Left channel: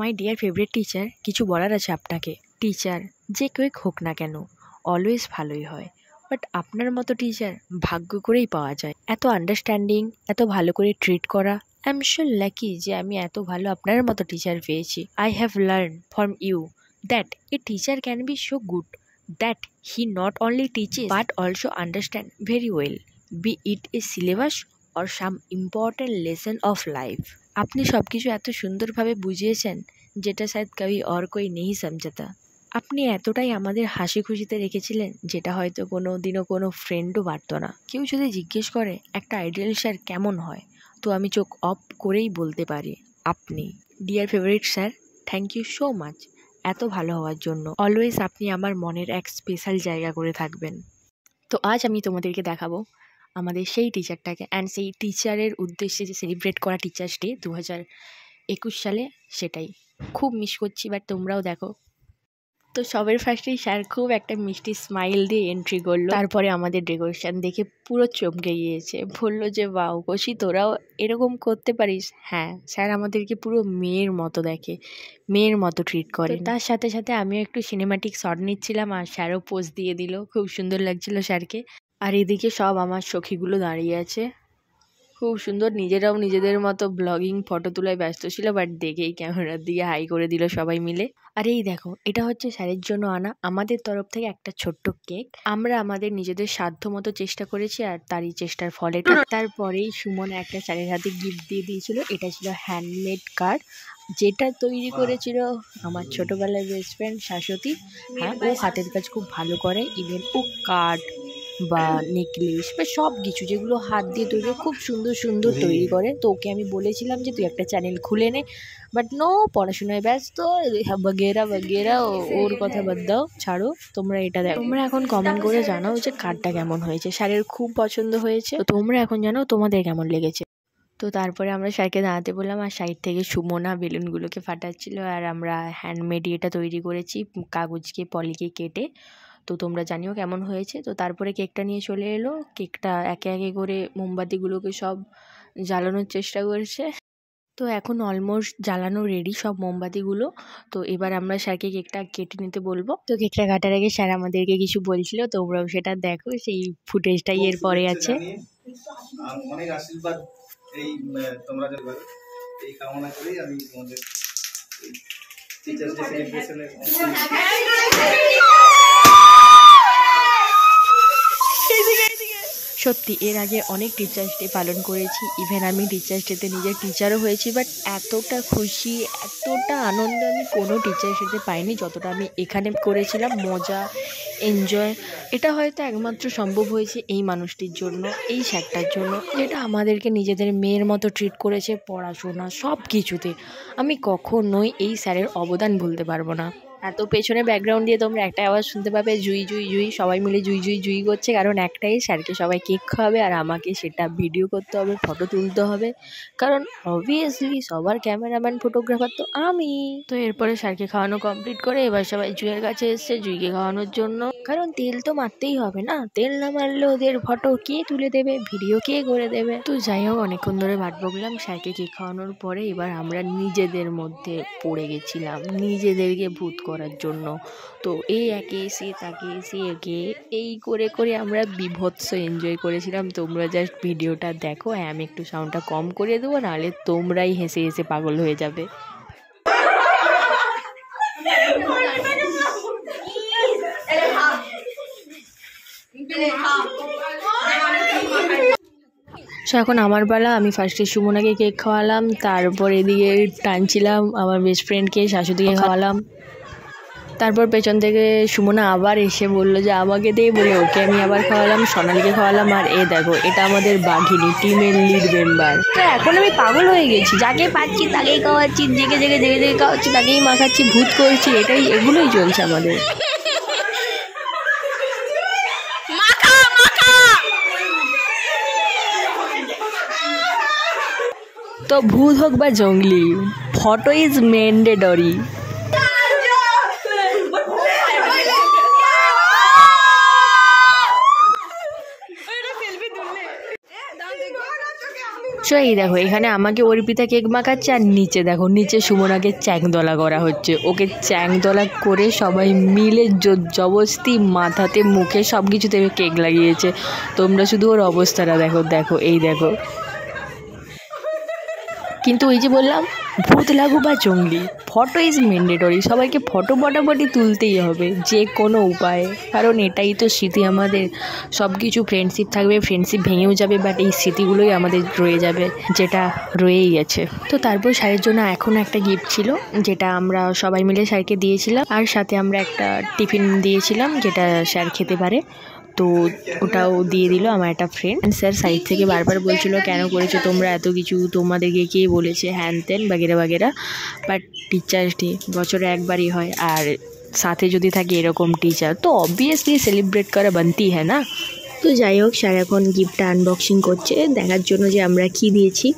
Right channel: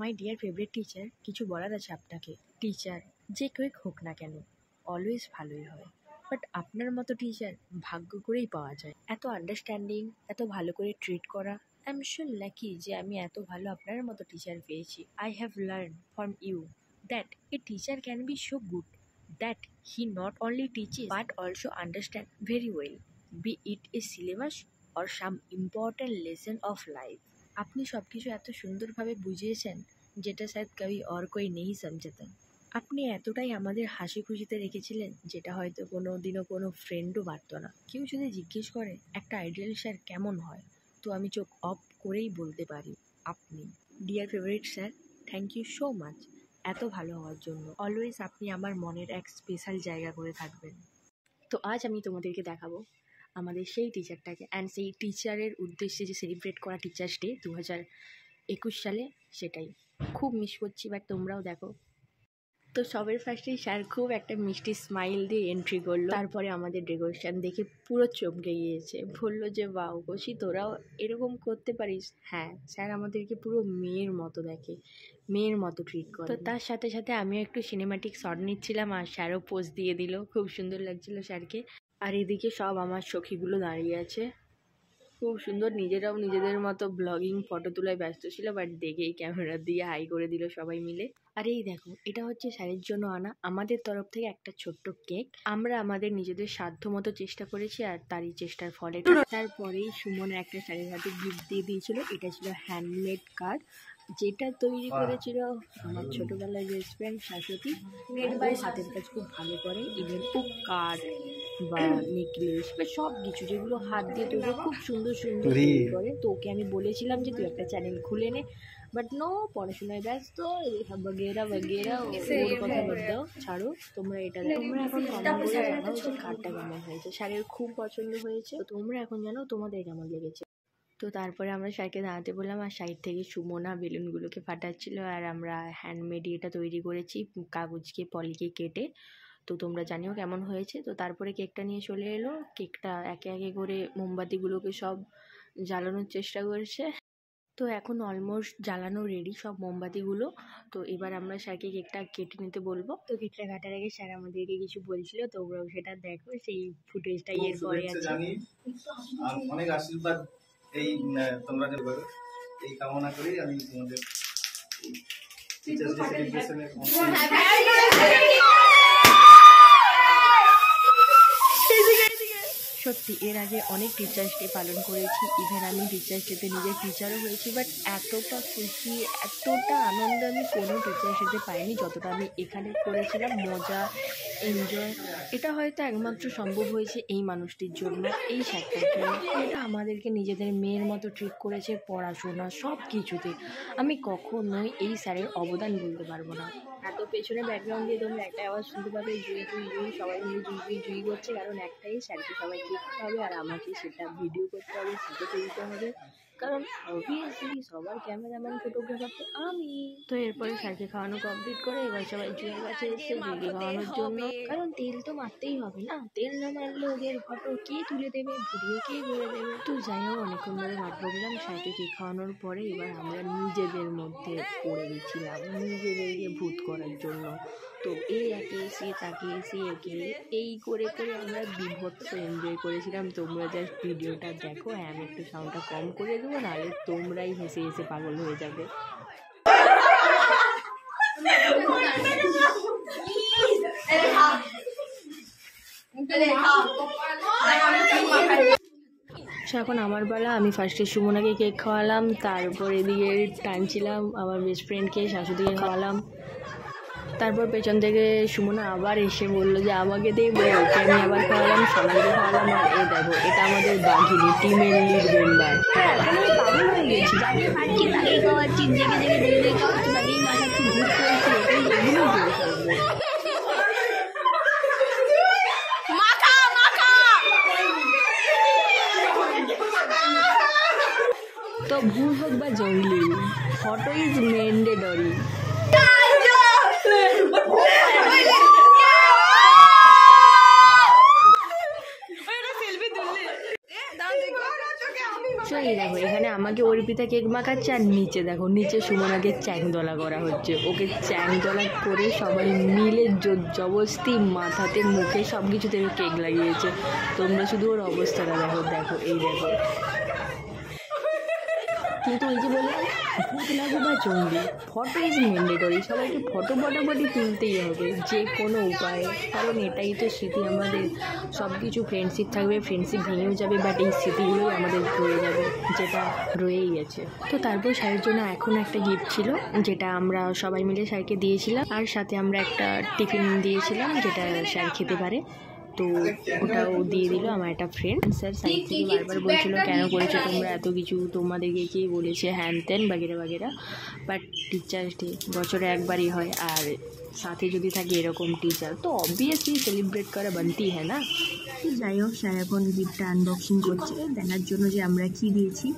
My dear favourite teacher, কিছু বলার আছে আপনাকে। টিচার যে কেউ হোক না কেন অলওয়েজ ভালোই হয়, বাট আপনার মতো টিচার ভাগ্য করেই পাওয়া যায়। এত আন্ডারস্ট্যান্ডিং, এত ভালো করে ট্রিট করা। আই এম শিওর লাকি যে আমি এত ভালো আপনার মতো টিচার পেয়েছি। I have learn from you that a teacher can be so good that he not only teaches but also understand very well, be it a syllabus or some important lesson of life. আপনি সব কিছু এত সুন্দরভাবে বুঝিয়েছেন যেটা শায়দ কবি और कोई नहीं समझता। আপনি এতটাই আমাদের হাসি খুশিতে রেখেছিলেন যেটা হয়তো কোনো দিনও কোনো ফ্রেন্ডও পারতো না। কেউ যদি জিজ্ঞেস করে একটা আইডিয়াল স্যার কেমন হয়, তো আমি চোখ অফ করেই বলতে পারি আপনি। Dear favourite sir, thank you so much এত ভালো হওয়ার জন্য। অলওয়েজ আপনি আমার মনের এক স্পেশাল জায়গা করে থাকবেন। তো আজ আমি তোমাদেরকে দেখাবো আমাদের সেই টিচারটাকে, অ্যান্ড সেই টিচারের উদ্দেশ্যে যে সেলিব্রেট করা টিচার্স ডে 2021 সালে, সেটাই খুব মিস করছি। বাট তোমরাও দেখো। তো সবের ফার্স্টেই স্যার খুব একটা মিষ্টি স্মাইল দিয়ে এন্ট্রি করলো। তারপরে আমাদের ডেকোরেশন দেখে পুরো চমকে গিয়েছে, বললো যে বাউ কৌশি তোরাও এরকম করতে পারিস। হ্যাঁ, স্যার আমাদেরকে পুরো মেয়ের মতো দেখে, মেয়ের মতো ট্রিট করে। তার সাথে সাথে আমিও একটু সিনেম্যাটিক শট নিচ্ছিলাম আর স্যারও পোজ দিয়ে দিল, খুব সুন্দর লাগছিল স্যারকে। আর এদিকে সব আমার সখীগুলো দাঁড়িয়ে আছে, খুব সুন্দর, নিজেরাও নিজেদের মতো ব্লগিং ফটো তোলায় ব্যস্ত ছিল। বাট দেখেই ক্যামেরার দিকে হাই করে দিল সবাই মিলে। আর এই দেখো, এটা হচ্ছে স্যারের জন্য আনা আমাদের তরফ থেকে একটা ছোট্ট কেক। আমরা আমাদের নিজেদের সাধ্য মতো চেষ্টা করেছি আর তারই চেষ্টার ফল এটা। তারপরেই সুমন একটা স্যারের হাতে গিফট দিয়ে দিয়েছিল। এটা ছিল হ্যান্ডমেড কার্ড, যেটা তৈরি করেছিল আমার ছোটবেলার বেস্ট ফ্রেন্ড শাশ্বতী। হ্যাঁ, ও হাতের কাজ খুব ভালো করে। ইভেন ও কার্ড বা নেকলেস বা সব কিছু যেগুলো হাত দিয়ে তৈরি খুব সুন্দর সুন্দর তৈরি করে। তো ওকে আমি বলেছিলাম যে তুই একটা চ্যানেল খুলে নে, বাট নো, পড়াশোনায় ব্যস্ত বগেরা বগেরা, ওর কথা বাদ দাও, ছাড়ো। তোমরা এটা দেখো, তোমরা এখন কমেন্ট করে জানাও যে কার্ডটা কেমন হয়েছে। স্যারের খুব পছন্দ হয়েছে, তো তোমরা এখন জানাও তোমাদের কেমন লেগেছে। তো তারপরে আমরা স্যারকে দাঁড়াতে বললাম আর সাইড থেকে সুমনা বেলুনগুলোকে ফাটাচ্ছিল। আর আমরা হ্যান্ডমেড এটা তৈরি করেছি কাগজকে পলিকে কেটে। তো তোমরা জানিও কেমন হয়েছে। তো তারপরে কেকটা নিয়ে চলে এলো। কেকটা একে একে করে মোমবাতিগুলোকে সব জ্বালানোর চেষ্টা করছে। তো এখন অলমোস্ট জ্বালানো রেডি সব মোমবাতিগুলো। তো এবার আমরা স্যারকে কেকটা কেটে নিতে বলবো। তো কেকটা কাটার আগে স্যার আমাদেরকে কিছু বলছিল, তোমরাও সেটা দেখো, সেই ফুটেজটাই এর পরে আছে। অনেক আশীর্বাদ এই তোমরা এই কামনা করি আমি তোমাদের টিচার্স ডে সেলিব্রেশনে। সত্যি এর আগে অনেক টিচার্স ডে পালন করেছি, ইভেন আমি টিচার্স ডেতে নিজের টিচারও হয়েছি। বাট এতটা খুশি, এতটা আনন্দ আমি কোনো টিচার্স ডেতে পাইনি যতটা আমি এখানে করেছিলাম। মজা, এনজয়, এটা হয়তো একমাত্র সম্ভব হয়েছে এই মানুষটির জন্য, এই স্যারটার জন্য, যেটা আমাদেরকে নিজেদের মেয়ের মতো ট্রিট করেছে পড়াশোনা সব কিছুতে। আমি কখনোই এই স্যারের অবদান ভুলতে পারবো না। এত পেছনে ব্যাকগ্রাউন্ড দিয়ে তোমরা একটা আওয়াজ শুনতে পাবে, জুই জুই জুই, সবাই মিলে জুই জুই জুই করছে। কারণ একটাই, স্যারকে সবাই কেক খাওয়াবে আর আমাকে সেটা ভিডিও করতে হবে, ফটো তুলতে হবে। কারণ অবভিয়াসলি সবার ক্যামেরাম্যান ফটোগ্রাফার তো আমি। তো এরপরে স্যারকে খাওয়ানো কমপ্লিট করে এবার সবাই জুইয়ের কাছে এসছে জুইকে খাওয়ানোর জন্য। কারণ তেল তো মারতেই হবে না, তেল না মারলে ওদের ফটো কে তুলে দেবে, ভিডিও কে করে দেবে। তো যাই হোক, অনেকক্ষণ ধরে ভাত বকলাম। স্যারকে কেক খাওয়ানোর পরে এবার আমরা নিজেদের মধ্যে পড়ে গেছিলাম নিজেদেরকে ভূত করার জন্য। তো এই একে এসে তাকে এসে একে এই করে করে আমরা বিভৎস এনজয় করেছিলাম। তোমরা জাস্ট ভিডিওটা দেখো। হ্যাঁ, আমি একটু সাউন্ডটা কম করে দেবো, নাহলে তোমরাই হেসে হেসে পাগল হয়ে যাবে। এখন আমার পালা। আমি ফার্স্টে সুমনাকে কেক খাওয়ালাম, তারপর এদিকে টানছিলাম আমার বেস্ট ফ্রেন্ডকে শাশুড়িকে খাওয়ালাম। তারপর পেছন থেকে সুমনা আবার এসে বললো যে আমাকে দিয়ে, বলে ওকে আমি আবার খাওয়ালাম, সোনালিকে খাওয়ালাম। আর এ দেখো, এটা আমাদের বাঘিনী, টিমের লিড মেম্বার। এখন আমি পাগল হয়ে গেছি, যাকে পাচ্ছি তাকেই খাওয়াচ্ছি, জেগে জেগে জেগে জেগে খাওয়াচ্ছি, তাকেই মাখাচ্ছি, ভূত করছি, এগুলোই চলছে আমাদের। তো ভূত হোক বা জঙ্গলি, ফটো ইজ ম্যান্ডেটরি। সো এই দেখো এখানে আমাকে অর্পিতা কেক মাখাচ্ছে, আর নিচে দেখো নিচে সুমনাকে চ্যাংদলা করা হচ্ছে। ওকে চ্যাংদলা করে সবাই মিলে জবরদস্তি মাথাতে মুখে সব কিছুতে কেক লাগিয়েছে। তোমরা শুধু ওর অবস্থাটা দেখো, দেখো এই দেখো। কিন্তু ওই যে বললাম, ভূত লাগুক বা জঙ্গলি, ফটো ইজ ম্যান্ডেটরি। সবাইকে ফটো বটাবটি তুলতেই হবে যে কোনো উপায়ে, কারণ এটাই তো স্মৃতি আমাদের। সব কিছু ফ্রেন্ডশিপ থাকবে, ফ্রেন্ডশিপ ভেঙেও যাবে, বাট এই স্মৃতিগুলোই আমাদের রয়ে যাবে, যেটা রয়েই গেছে। তো তারপর স্যারের জন্য এখন একটা গিফট ছিল, যেটা আমরা সবাই মিলে স্যারকে দিয়েছিলাম, আর সাথে আমরা একটা টিফিন দিয়েছিলাম যেটা স্যার খেতে পারে। তো ওটাও দিয়ে দিল আমার একটা ফ্রেন্ড। স্যার সাইড থেকে বারবার বলছিল, কেন করেছো তোমরা এত কিছু, তোমাদেরকে কে বলেছে, হ্যান ত্যান বাগেরা বাগেরা। বাট টিচার্স ডে বছরে একবারই হয়, আর সাথে যদি থাকে এরকম টিচার, তো অবভিয়াসলি সেলিব্রেট করা বানতি হ্যাঁ না। তো যাই হোক, স্যার এখন গিফটটা আনবক্সিং করছে দেখার জন্য যে আমরা কি দিয়েছি।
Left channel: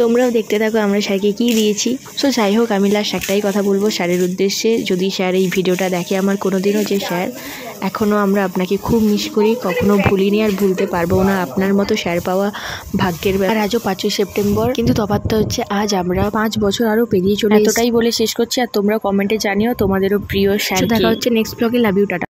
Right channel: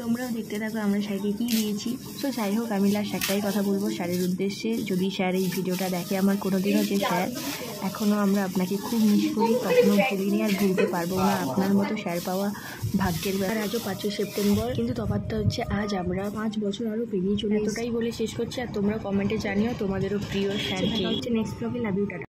তোমরাও দেখতে থাকো আমরা স্যারকে কী দিয়েছি। সো যাই হোক, আমি লাস্ট একটাই কথা বলবো স্যারের উদ্দেশ্যে, যদি স্যার এই ভিডিওটা দেখে আমার কোনো দিনও, যে স্যার এখনও আমরা আপনাকে খুব মিস করি, কখনো ভুলিনি আর ভুলতে পারবো না। আপনার মতো স্যার পাওয়া ভাগ্যের ব্যাপার। আজও 5ই সেপ্টেম্বর, কিন্তু তফাৎটা হচ্ছে আজ আমরা 5 বছর আরও পেরিয়ে চলে। এতটাই বলে শেষ করছি, আর তোমরা কমেন্টে জানিও তোমাদেরও প্রিয় স্যার। দেখা হচ্ছে next blog. Love you, tata.